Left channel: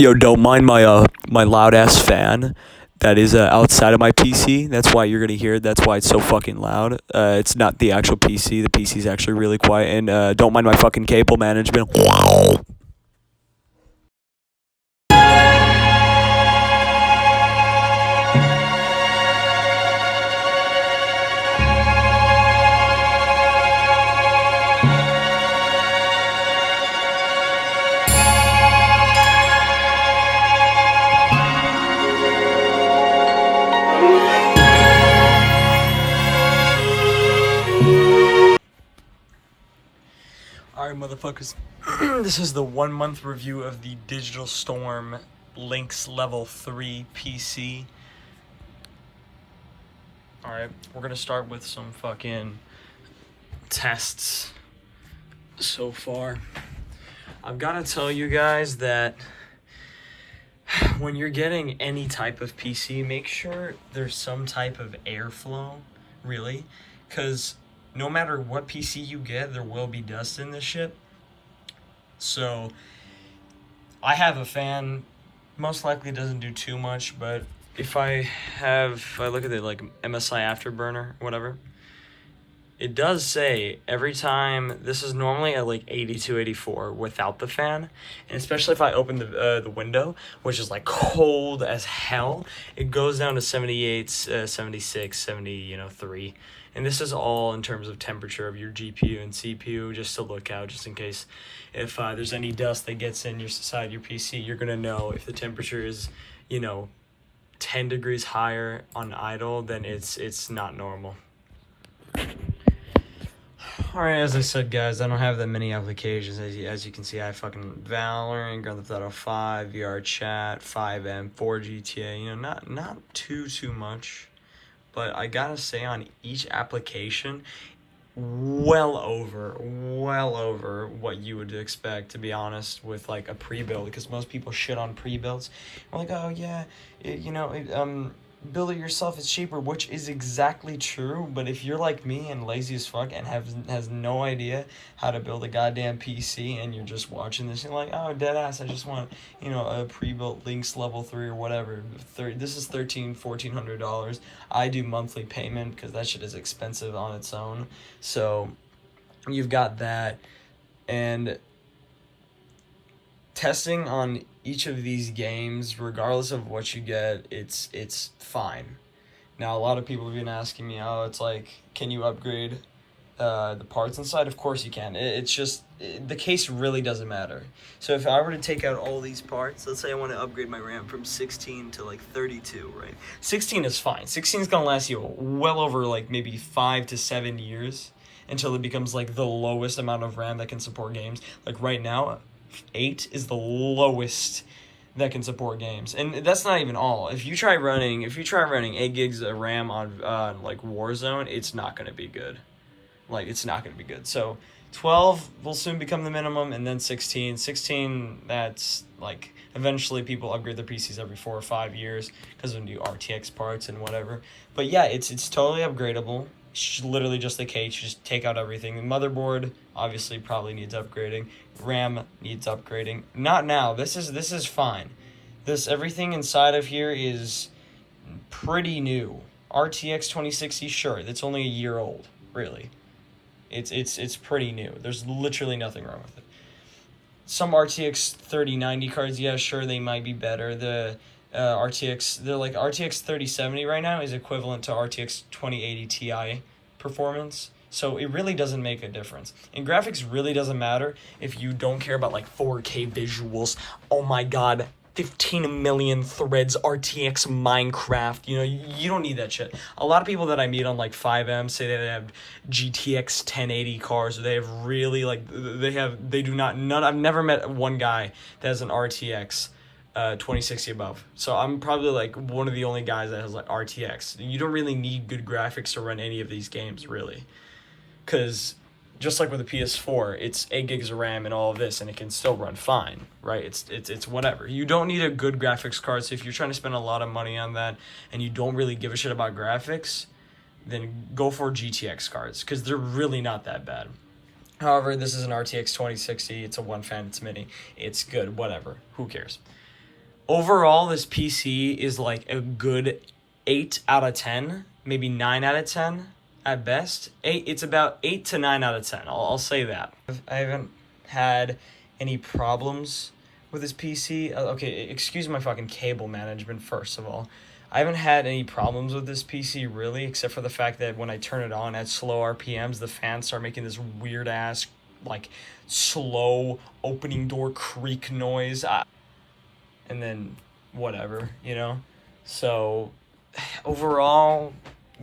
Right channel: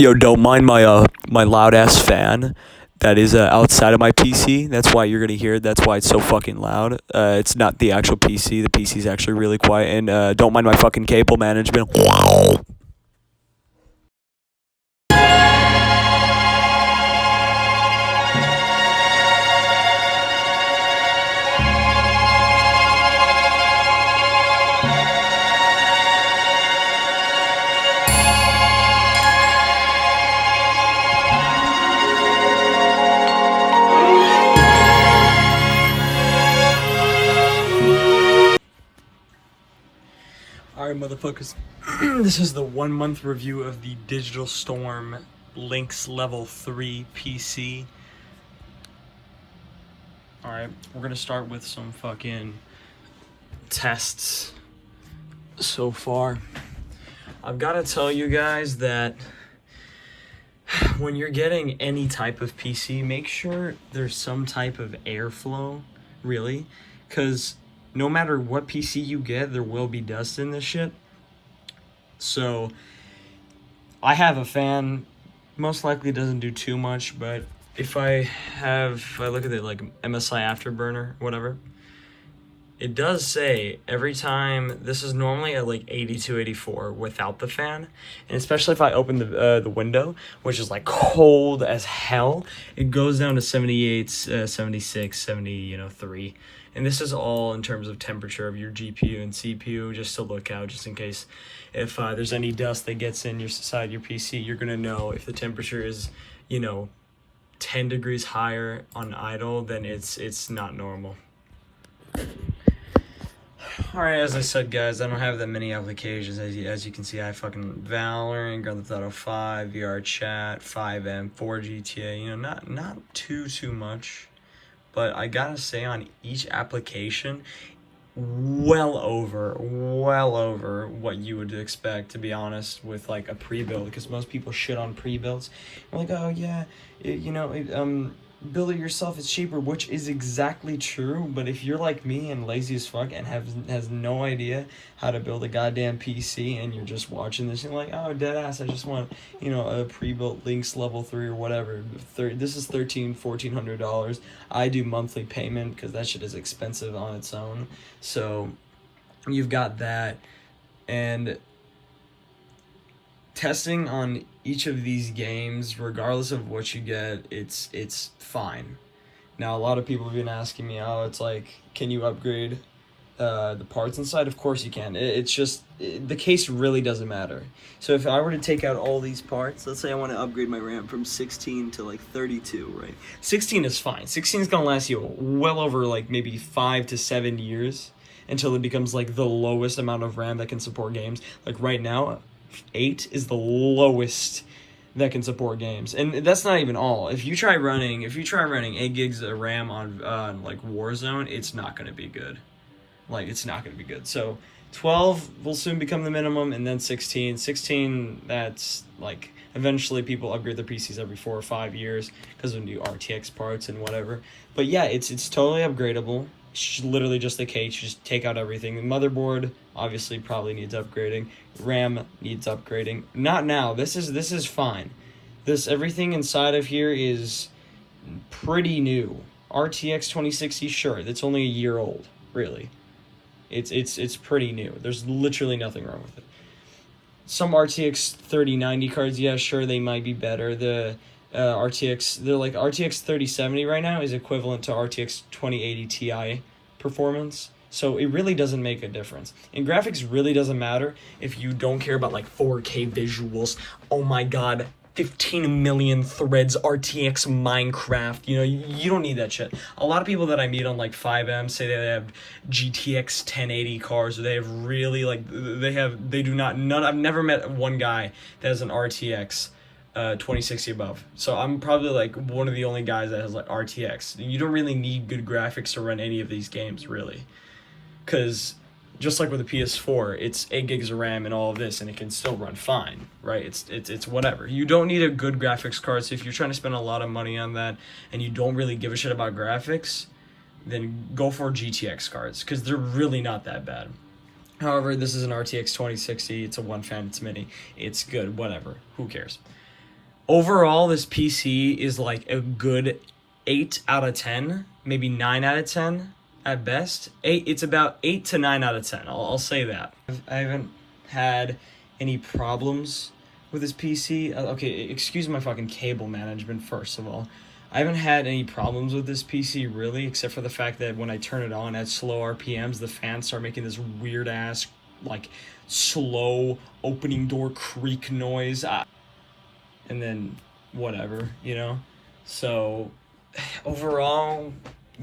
Yo, don't mind my loud ass fan that is outside of my PC. That's why you're gonna hear it. That's why it's so fucking loud. It's not the actual PC. The PC is actually really quiet. And don't mind my fucking cable management. Alright, motherfuckers. This is the 1 month review of the Digital Storm Lynx Level 3 PC. Alright, we're gonna start with some fucking tests so far. I've gotta tell you guys that when you're getting any type of PC, make sure there's some type of airflow, really, because no matter what PC you get, there will be dust in this shit. So I have a fan, most likely doesn't do too much, but if I look at it like MSI Afterburner, whatever, it does say every time, this is normally at like 82, 84 without the fan, and especially if I open the window, which is like cold as hell, it goes down to 78, 76, 73. And this is all in terms of temperature of your GPU and CPU, just to look out, just in case if there's any dust that gets inside your PC, you're gonna know if the temperature is, 10 degrees higher on idle, then it's not normal. Alright, as I said, guys, I don't have that many applications. As you can see, I have fucking Valorant, Grand Theft Auto 5, VR Chat, 5M, 4 GTA, not too much. But I gotta say, on each application, well over what you would expect, to be honest, with like a pre-build, because most people shit on pre-builds. They're like, oh yeah, build it yourself, it's cheaper, which is exactly true. But if you're like me and lazy as fuck and has no idea how to build a goddamn PC, and you're just watching this and like, oh, deadass, I just want, a pre-built Lynx level 3 or whatever. This is $1,400. I do monthly payment because that shit is expensive on its own. So you've got that, and testing on each of these games, regardless of what you get, it's fine. Now, a lot of people have been asking me, oh, it's like, can you upgrade the parts inside? Of course you can. It's just, the case really doesn't matter. So if I were to take out all these parts, let's say I want to upgrade my RAM from 16 to like 32, right? 16 is fine. 16 is gonna last you well over like maybe 5 to 7 years until it becomes like the lowest amount of RAM that can support games. Like right now, 8 is the lowest that can support games, and that's not even all. If you try running 8 gigs of RAM on like Warzone, it's not going to be good. So 12 will soon become the minimum, and then 16, that's like, eventually people upgrade their PCs every 4 or 5 years because of new RTX parts and whatever. But yeah, it's totally upgradable. It's literally just the case. You just take out everything. The motherboard obviously probably needs upgrading. RAM needs upgrading. Not now. This is fine. Everything inside of here is pretty new. RTX 2060, sure, that's only a year old, really. It's pretty new. There's literally nothing wrong with it. Some RTX 3090 cards, yeah, sure, they might be better. The RTX 3070 right now is equivalent to RTX 2080 Ti performance. So it really doesn't make a difference. And graphics really doesn't matter if you don't care about like 4K visuals. Oh my god, 15 million threads, RTX Minecraft. You don't need that shit. A lot of people that I meet on like 5M say they have GTX 1080 cars, or they have really I've never met one guy that has an RTX 2060 above. So I'm probably like one of the only guys that has like RTX. You don't really need good graphics to run any of these games, really. Because just like with the PS4, it's 8 gigs of RAM and all of this, and it can still run fine, right? It's whatever. You don't need a good graphics card. So if you're trying to spend a lot of money on that and you don't really give a shit about graphics, then go for GTX cards, because they're really not that bad. However, this is an RTX 2060. It's a one fan, it's mini. It's good, whatever. Who cares? Overall, this PC is like a good 8 out of 10, maybe 9 out of 10 at best. It's about 8 to 9 out of 10. I'll say that. I haven't had any problems with this PC. Okay, excuse my fucking cable management, first of all. I haven't had any problems with this PC really, except for the fact that when I turn it on at slow RPMs, the fans start making this weird ass, like, slow opening door creak noise. And then whatever, you know? So overall,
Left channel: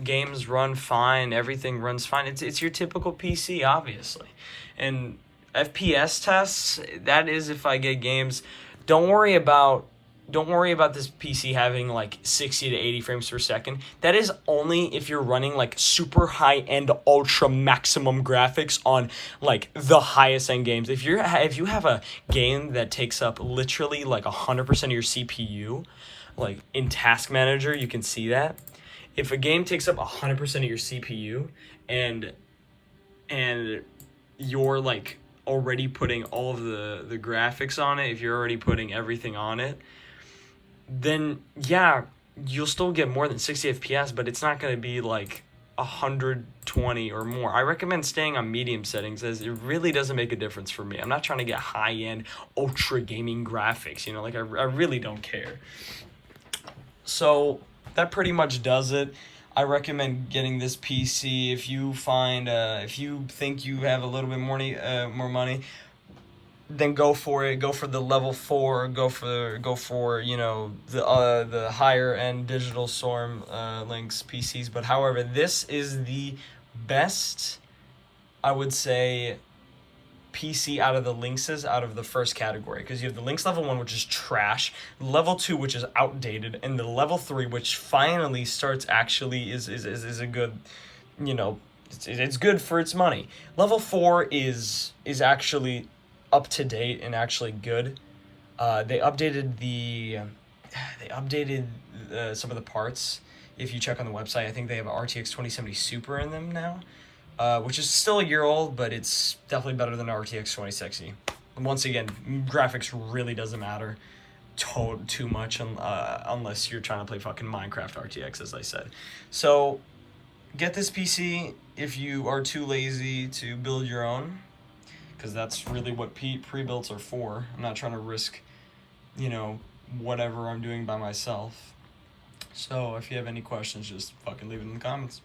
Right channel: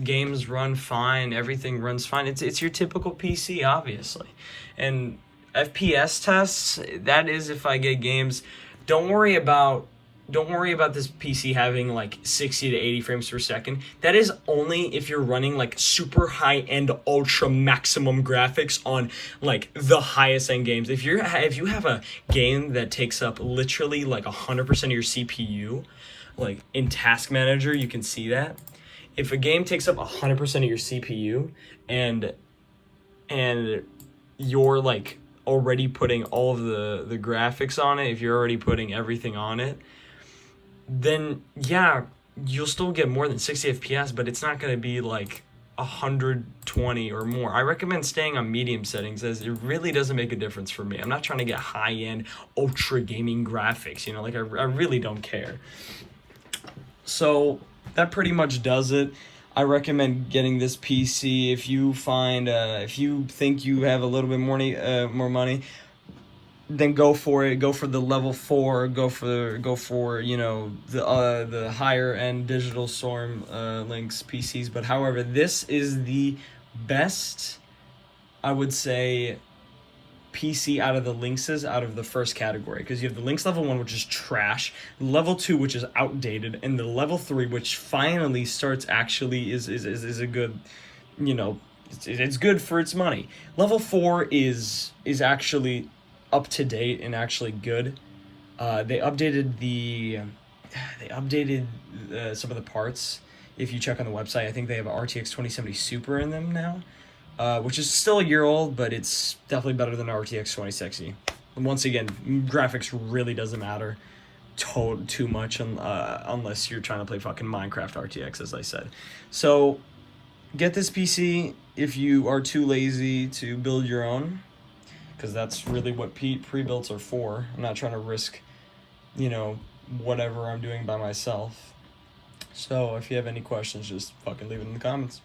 games run fine, everything runs fine. It's your typical PC, obviously. And FPS tests, that is if I get games. Don't worry about this PC having like 60 to 80 frames per second. That is only if you're running like super high-end ultra maximum graphics on like the highest end games. If you have a game that takes up literally like 100% of your CPU, like in Task Manager, you can see that. If a game takes up 100% of your CPU and you're like already putting all of the graphics on it, if you're already putting everything on it, then yeah, you'll still get more than 60 FPS, but it's not going to be like 120 or more. I recommend staying on medium settings, as it really doesn't make a difference for me. I'm not trying to get high-end ultra gaming graphics, you know, like I really don't care. So that pretty much does it. I recommend getting this PC if you find if you think you have a little bit more money, then go for it. Go for the level 4. Go for you know, the higher end Digital Storm Lynx PCs. But however, this is the best, I would say, PC out of the Lynxes, out of the first category, because you have the Lynx level 1, which is trash, level 2, which is outdated, and the level 3, which finally starts actually is a good, you know, it's good for its money. Level 4 is actually up to date and actually good. They updated some of the parts. If you check on the website, I think they have an RTX 2070 Super in them now, which is still a year old, but it's definitely better than RTX 2060. And once again, graphics really doesn't matter too much unless you're trying to play fucking Minecraft RTX, as I said. So get this PC if you are too lazy to build your own, because that's really what pre-builts are for. I'm not trying to risk, you know, whatever I'm doing by myself. So if you have any questions, just fucking leave it in the comments.